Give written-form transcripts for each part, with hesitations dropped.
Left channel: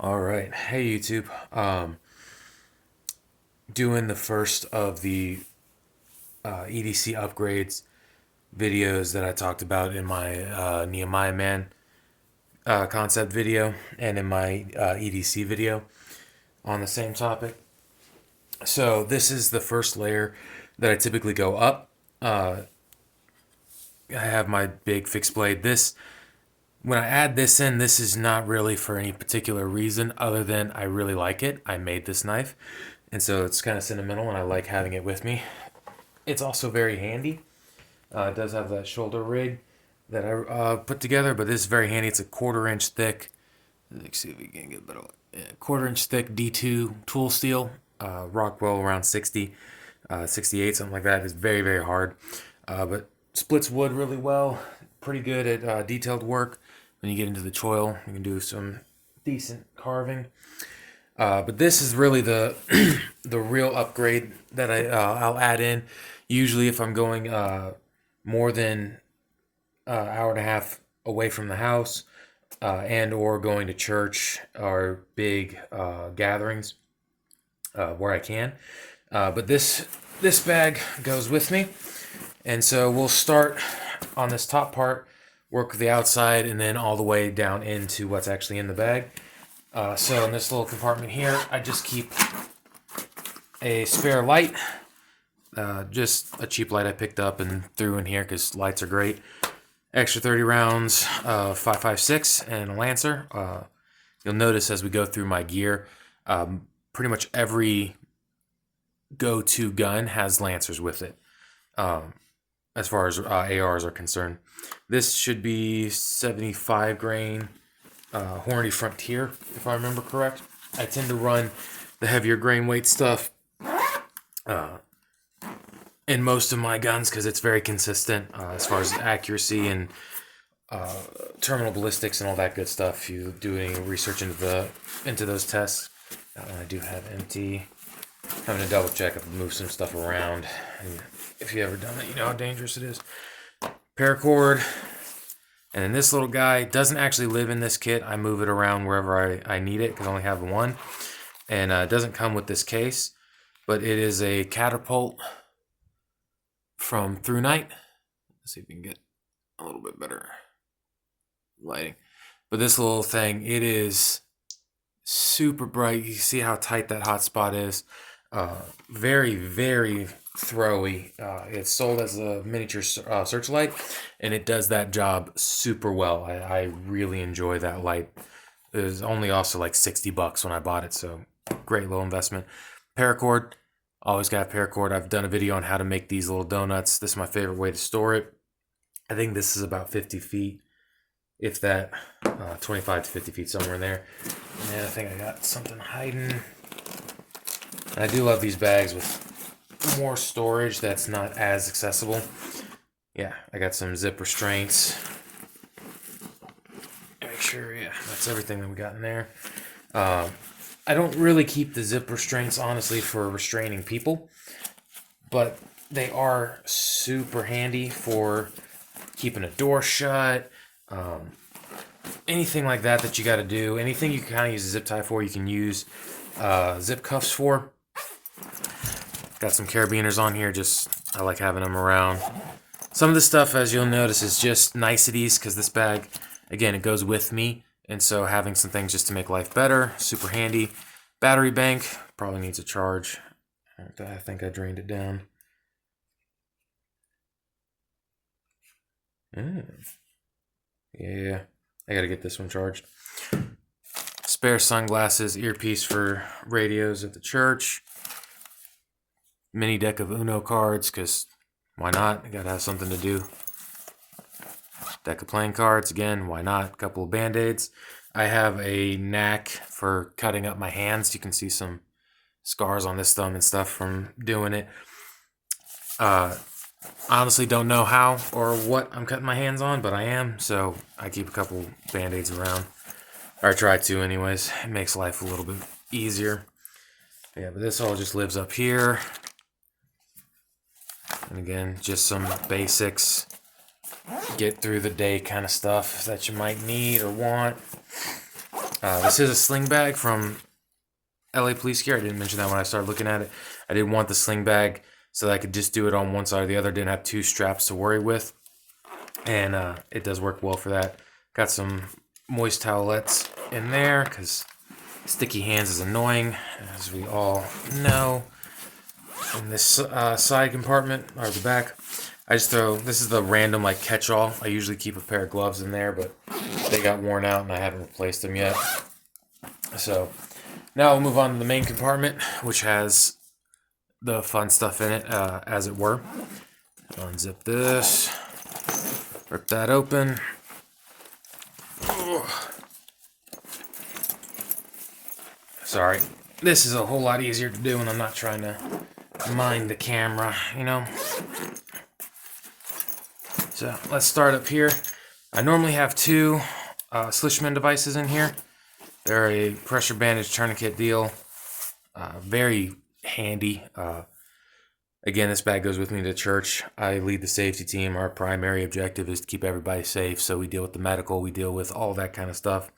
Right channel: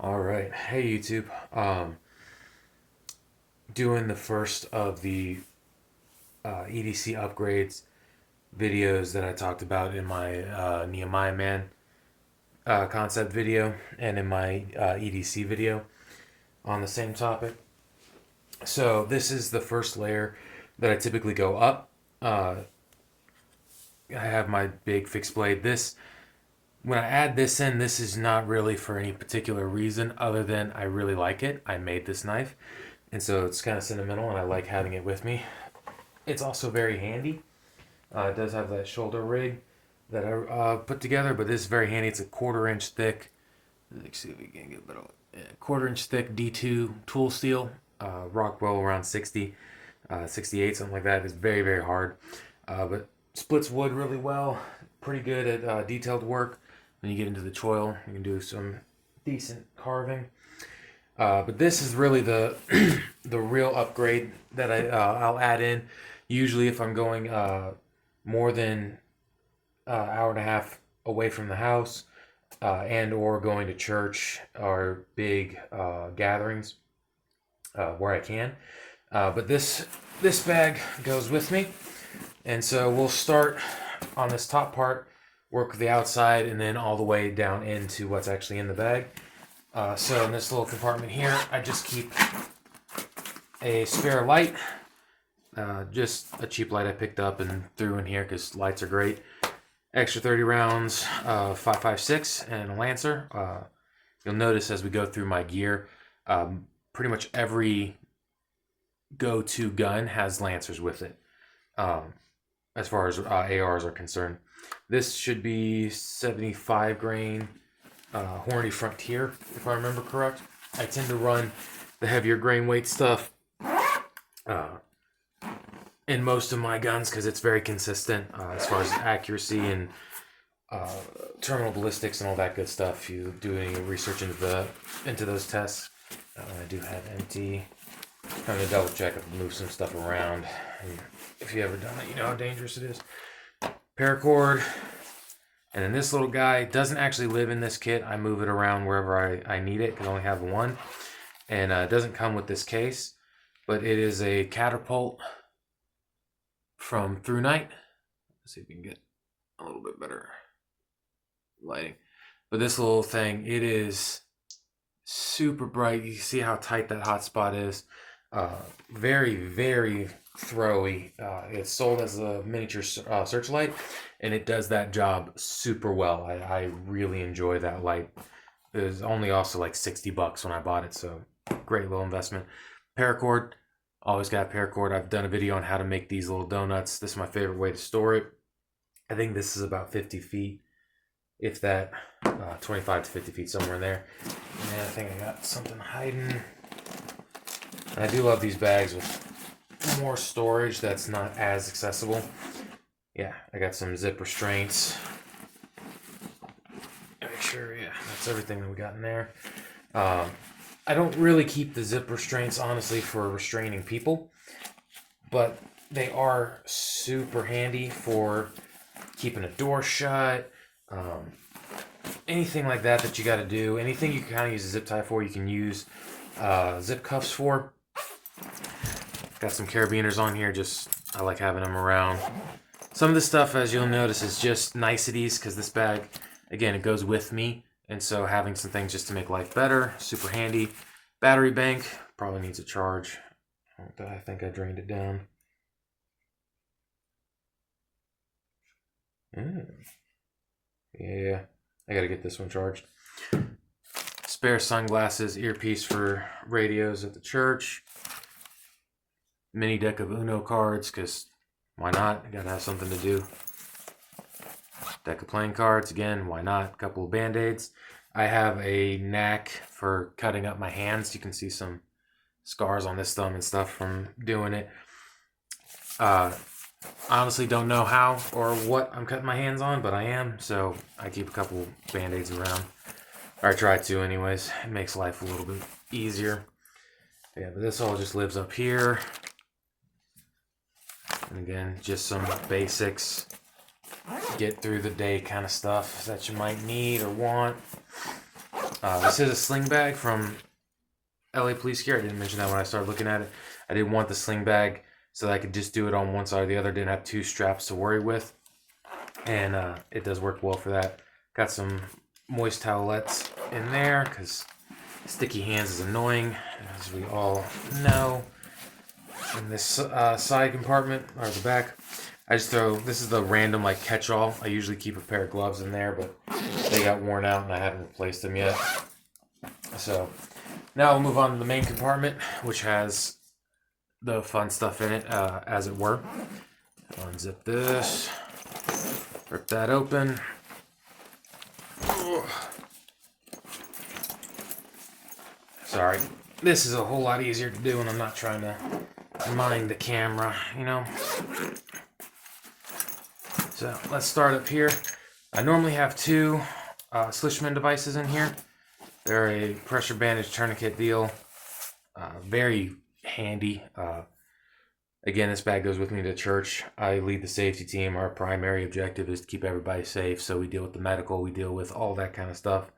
All right. Hey YouTube. Doing the first of the EDC upgrades videos that I talked about in my Nehemiah Man concept video and in my EDC video on the same topic. So this is the first layer that I typically go up. I have my big fixed blade. This When I add this in, this is not really for any particular reason other than I really like it. I made this knife, and so it's kind of sentimental, and I like having it with me. It's also very handy. It does have that shoulder rig that I put together, but this is very handy. It's a 1/4 inch thick. Let's see if we can get a bit of 1/4 inch thick D2 tool steel. Rockwell around 60, 68, something like that. It's very, very hard, but splits wood really well. Pretty good at detailed work. When you get into the choil, you can do some decent carving. But this is really the the real upgrade that I'll add in. Usually, if I'm going more than hour and a half away from the house, and or going to church or big gatherings where I can. But this bag goes with me, and so we'll start on this top part, work the outside, and then all the way down into what's actually in the bag. So in this little compartment here, I just keep a spare light, just a cheap light I picked up and threw in here because lights are great. Extra 30 rounds, 5.56, and a Lancer. You'll notice as we go through my gear, pretty much every go-to gun has Lancers with it, as far as ARs are concerned. This should be 75 grain Hornady Frontier, if I remember correct. I tend to run the heavier grain weight stuff in most of my guns because it's very consistent as far as accuracy and terminal ballistics and all that good stuff. If you do any research into those tests, I do have empty. I'm going to double check if I move some stuff around. And if you ever done it, you know how dangerous it is. Paracord. And then this little guy doesn't actually live in this kit. I move it around wherever I need it because I only have one. And it doesn't come with this case, but it is a catapult from Through Night. Let's see if we can get a little bit better lighting. But this little thing, it is super bright. You see how tight that hotspot is. Very, very throwy. It's sold as a miniature searchlight, and it does that job super well. I really enjoy that light. It was only also like $60 when I bought it, so great little investment. Paracord, always got paracord. I've done a video on how to make these little donuts. This is my favorite way to store it. I think this is about 50 feet, if that, 25 to 50 feet, somewhere in there. And I think I got something hiding. And I do love these bags with more storage that's not as accessible. Yeah, I got some zip restraints. Make sure, yeah, that's everything that we got in there. I don't really keep the zip restraints, honestly, for restraining people, but they are super handy for keeping a door shut, anything like that that you got to do. Anything you can kind of use a zip tie for, you can use zip cuffs for. Got some carabiners on here, just I like having them around. Some of the stuff, as you'll notice, is just niceties because this bag, again, it goes with me. And so having some things just to make life better, super handy. Battery bank, probably needs a charge. I think I drained it down. Yeah, I gotta get this one charged. Spare sunglasses, earpiece for radios at the church. Mini deck of Uno cards, because why not? I gotta have something to do. Deck of playing cards, again, why not? A couple of band-aids. I have a knack for cutting up my hands. You can see some scars on this thumb and stuff from doing it. I honestly don't know how or what I'm cutting my hands on, but I am, so I keep a couple band-aids around. Or I try to anyways. It makes life a little bit easier. Yeah, but this all just lives up here. And again, just some basics, get through the day kind of stuff that you might need or want. This is a sling bag from LA Police Gear. I didn't mention that when I started looking at it. I didn't want the sling bag so that I could just do it on one side or the other. Didn't have two straps to worry with. And it does work well for that. Got some moist towelettes in there because sticky hands is annoying, as we all know. In this side compartment, or the back, I just throw, this is the random like catch-all. I usually keep a pair of gloves in there, but they got worn out and I haven't replaced them yet. So now we'll move on to the main compartment, which has the fun stuff in it, as it were. Unzip this, rip that open. Sorry, this is a whole lot easier to do when I'm not trying to mind the camera, you know? So let's start up here. I normally have two Slishman devices in here. They're a pressure bandage tourniquet deal. Very handy. Again, this bag goes with me to church. I lead the safety team. Our primary objective is to keep everybody safe. So we deal with the medical, we deal with all that kind of stuff,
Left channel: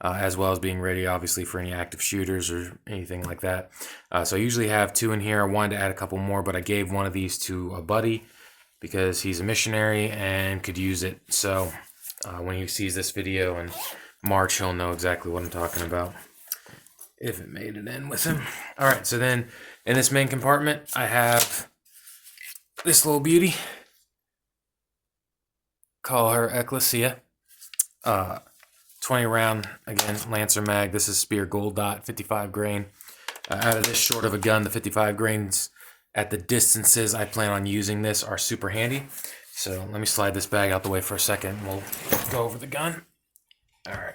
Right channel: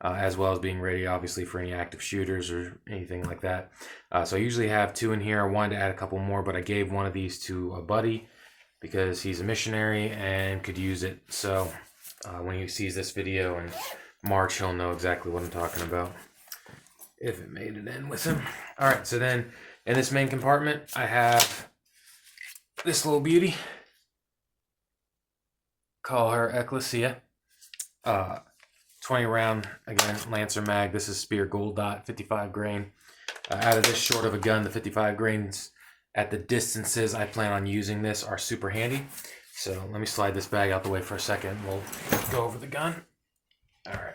as well as being ready, obviously, for any active shooters or anything like that. So I usually have two in here. I wanted to add a couple more, but I gave one of these to a buddy because he's a missionary and could use it. So when he sees this video in March, he'll know exactly what I'm talking about, if it made it in with him. All right, so then in this main compartment, I have this little beauty. Call her Ecclesia. 20 round, again, Lancer mag. This is Spear Gold Dot, 55 grain. Out of this short of a gun, the 55 grains at the distances I plan on using this are super handy. So let me slide this bag out the way for a second. We'll go over the gun. All right.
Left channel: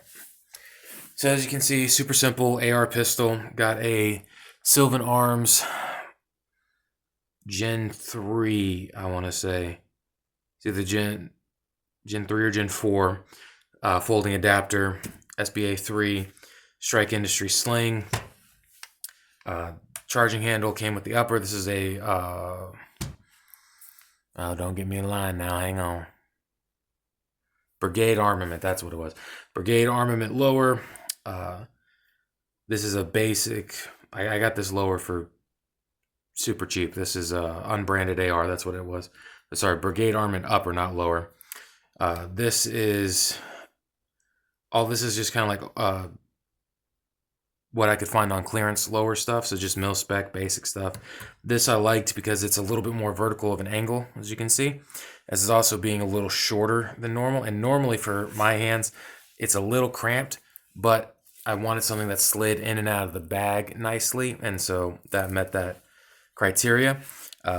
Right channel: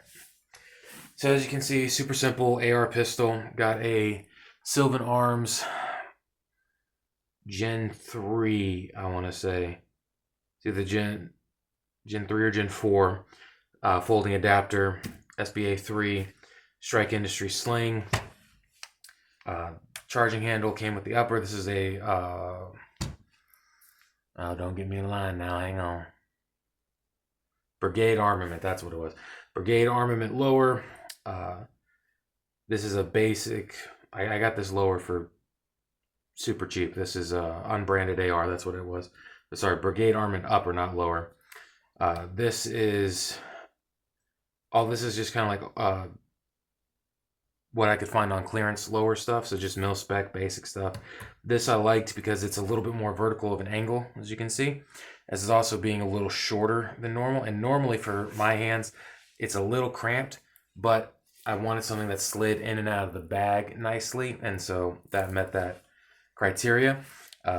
So as you can see, super simple AR pistol. Got a Sylvan Arms Gen 3, I want to say. It's either Gen 3 or Gen 4. Folding adapter, SBA 3, Strike Industry sling. Charging handle came with the upper. This is a, oh, don't get me in line now, hang on. Brigade Armament, that's what it was. Brigade Armament lower. This is a basic, I got this lower for super cheap. This is unbranded AR, that's what it was. Sorry, Brigade Armament upper, not lower. This is, all this is just kind of like what I could find on clearance lower stuff, so just mil spec basic stuff. This I liked because it's a little bit more vertical of an angle, as you can see. This is also being a little shorter than normal, and normally for my hands, it's a little cramped, but I wanted something that slid in and out of the bag nicely, and so that met that criteria.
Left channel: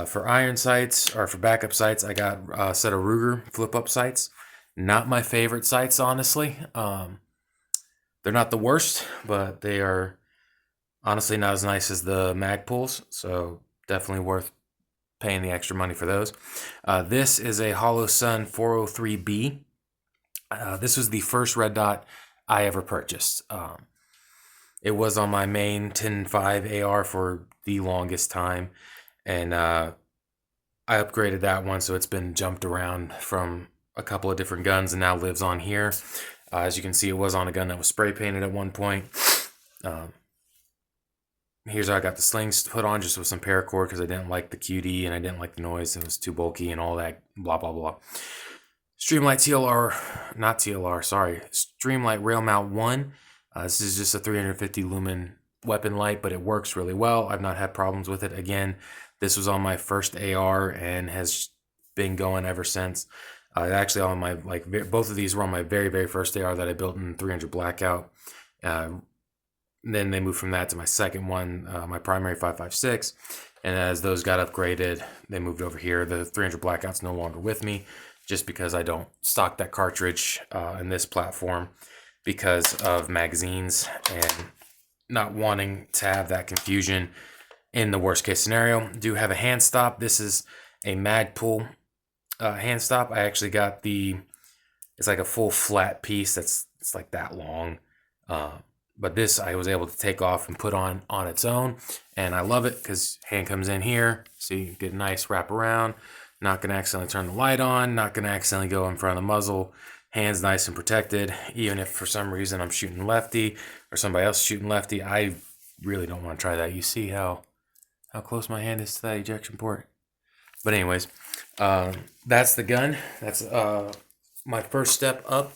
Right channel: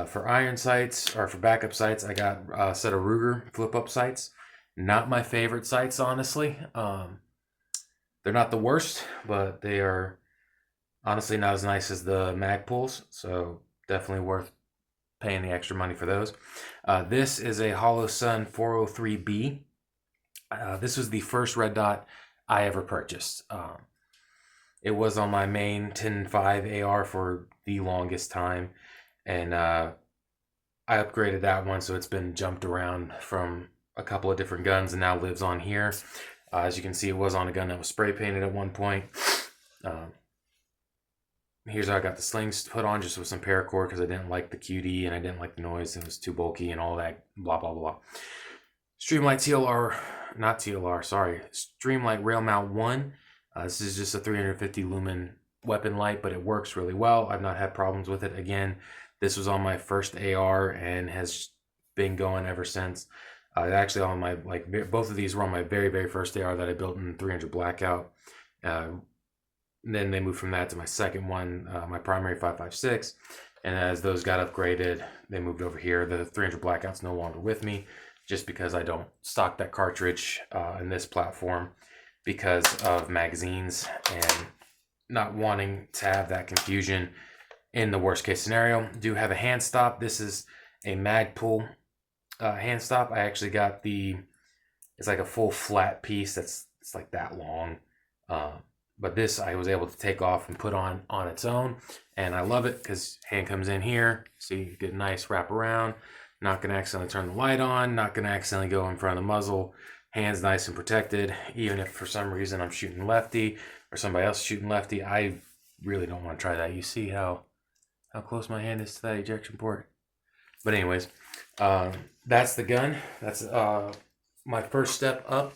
For iron sights, or for backup sights, I got a set of Ruger flip-up sights. Not my favorite sights, honestly. They're not the worst, but they are honestly not as nice as the Magpuls, so definitely worth paying the extra money for those. This is a Hollow Sun 403B. This was the first red dot I ever purchased. It was on my main 10.5 AR for the longest time, and I upgraded that one, so it's been jumped around from a couple of different guns and now lives on here. As you can see, it was on a gun that was spray painted at one point. Here's how I got the slings put on, just with some paracord, because I didn't like the QD and I didn't like the noise. It was too bulky and all that, blah, blah, blah. Streamlight TLR, not TLR, sorry. Streamlight Rail Mount 1. This is just a 350 lumen weapon light, but it works really well. I've not had problems with it. Again, this was on my first AR and has been going ever since. Actually, on my, like, both of these were on my very, very first AR that I built in 300 Blackout. Then they moved from that to my second one, my primary 5.56. And as those got upgraded, they moved over here. The 300 Blackout's no longer with me, just because I don't stock that cartridge in this platform because of magazines and not wanting to have that confusion in the worst case scenario. Do have a hand stop. This is a Magpul hand stop. I actually got it's like a full flat piece it's like that long. But this I was able to take off and put on its own, and I love it because hand comes in here. See, you get a nice wrap around. Not gonna accidentally turn the light on, not gonna accidentally go in front of the muzzle. hands nice and protected. Even if for some reason I'm shooting lefty or somebody else shooting lefty, I really don't want to try that. You see how close my hand is to that ejection port. But anyways, that's the gun. That's my first step up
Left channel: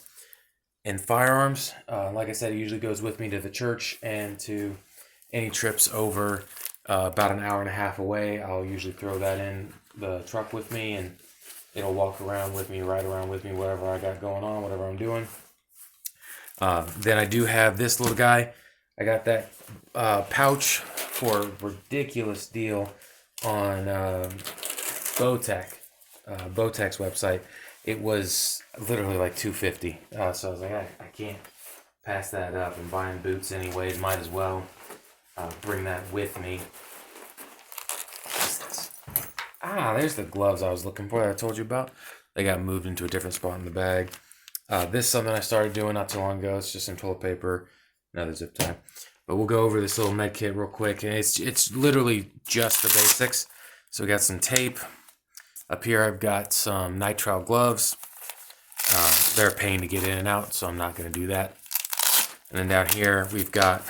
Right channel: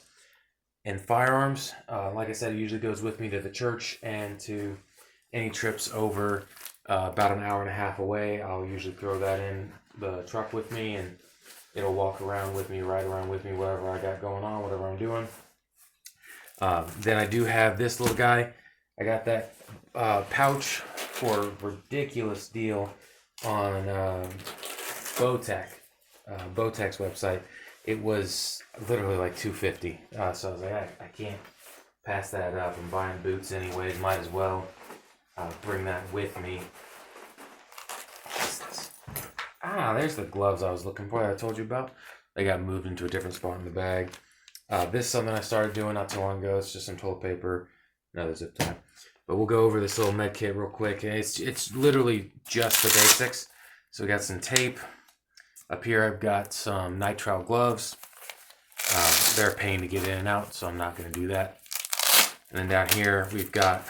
in firearms. Like I said, it usually goes with me to the church and to any trips over about an hour and a half away. I'll usually throw that in the truck with me, and it'll walk around with me, ride around with me, whatever I got going on, whatever I'm doing. Then I do have this little guy. I got that pouch for a ridiculous deal on Bowtech's website. It was literally like $250. So I was like, I can't pass that up. I'm buying boots anyways. Might as well bring that with me. There's the gloves I was looking for that I told you about. They got moved into a different spot in the bag. This is something I started doing not too long ago. It's just some toilet paper, another zip tie. But we'll go over this little med kit real quick. And it's literally just the basics. So we got some tape. Up here I've got some nitrile gloves. They're a pain to get in and out, so I'm not going to do that. And then down here we've got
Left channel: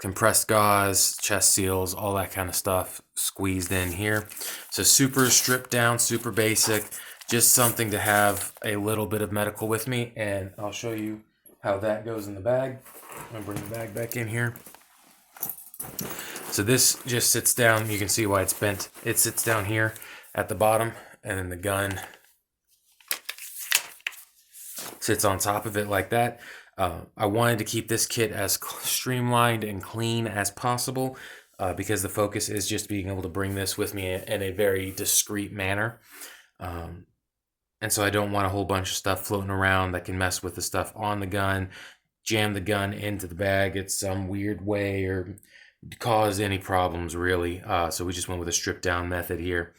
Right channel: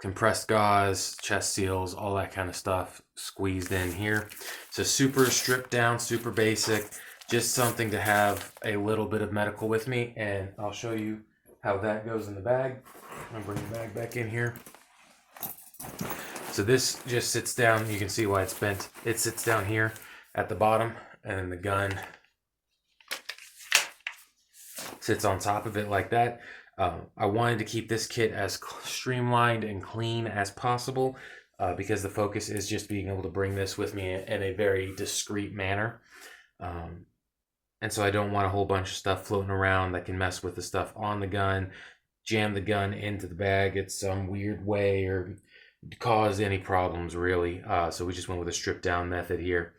compressed gauze, chest seals, all that kind of stuff squeezed in here. So super stripped down, super basic. Just something to have a little bit of medical with me, and I'll show you how that goes in the bag. I'm going to bring the bag back in here. So this just sits down. You can see why it's bent. It sits down here at the bottom, and then the gun sits on top of it like that. I wanted to keep this kit as streamlined and clean as possible because the focus is just being able to bring this with me in a very discreet manner. And so I don't want a whole bunch of stuff floating around that can mess with the stuff on the gun, jam the gun into the bag in some weird way, or cause any problems really. So we just went with a stripped down method here.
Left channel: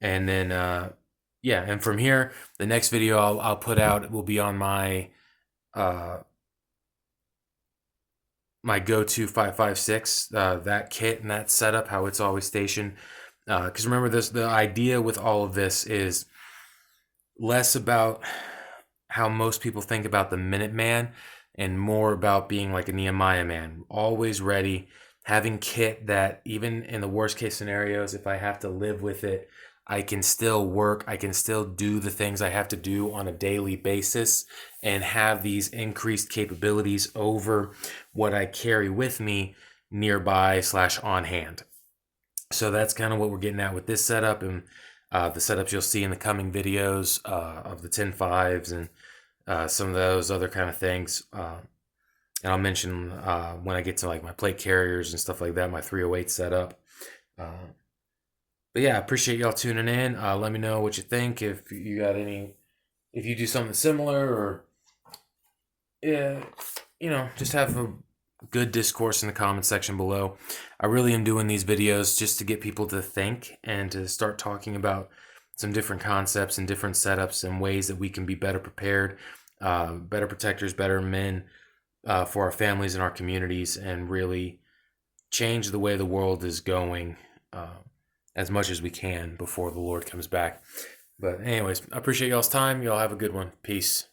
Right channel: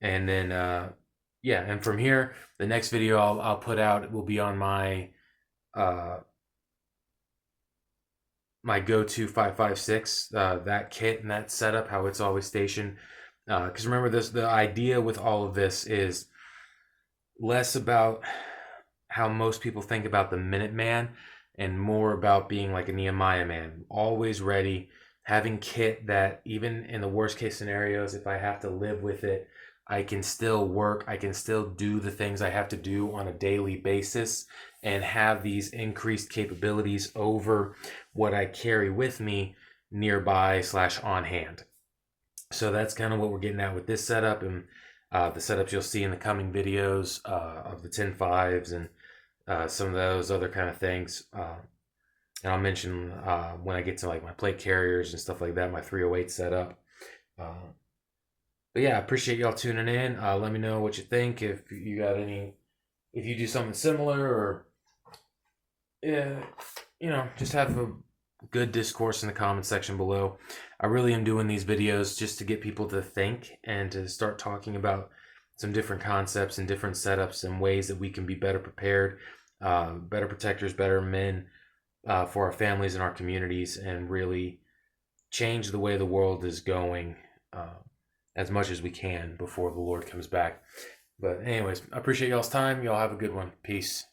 And then, and from here, the next video I'll put out will be on my my go-to 5.56, that kit and that setup, how it's always stationed. Because remember, the idea with all of this is less about how most people think about the Minuteman and more about being like a Nehemiah man, always ready, having kit that even in the worst case scenarios, if I have to live with it, I can still work, I can still do the things I have to do on a daily basis and have these increased capabilities over what I carry with me nearby / on hand. So that's kind of what we're getting at with this setup, and the setups you'll see in the coming videos of the 10.5s and some of those other kind of things. And I'll mention when I get to like my plate carriers and stuff like that, my 308 setup. But yeah, I appreciate y'all tuning in. Let me know what you think. If you got if you do something similar, or just have a good discourse in the comment section below. I really am doing these videos just to get people to think and to start talking about some different concepts and different setups and ways that we can be better prepared, better protectors, better men for our families and our communities, and really change the way the world is going as much as we can before the Lord comes back. But anyways, I appreciate y'all's time. Y'all have a good one. Peace.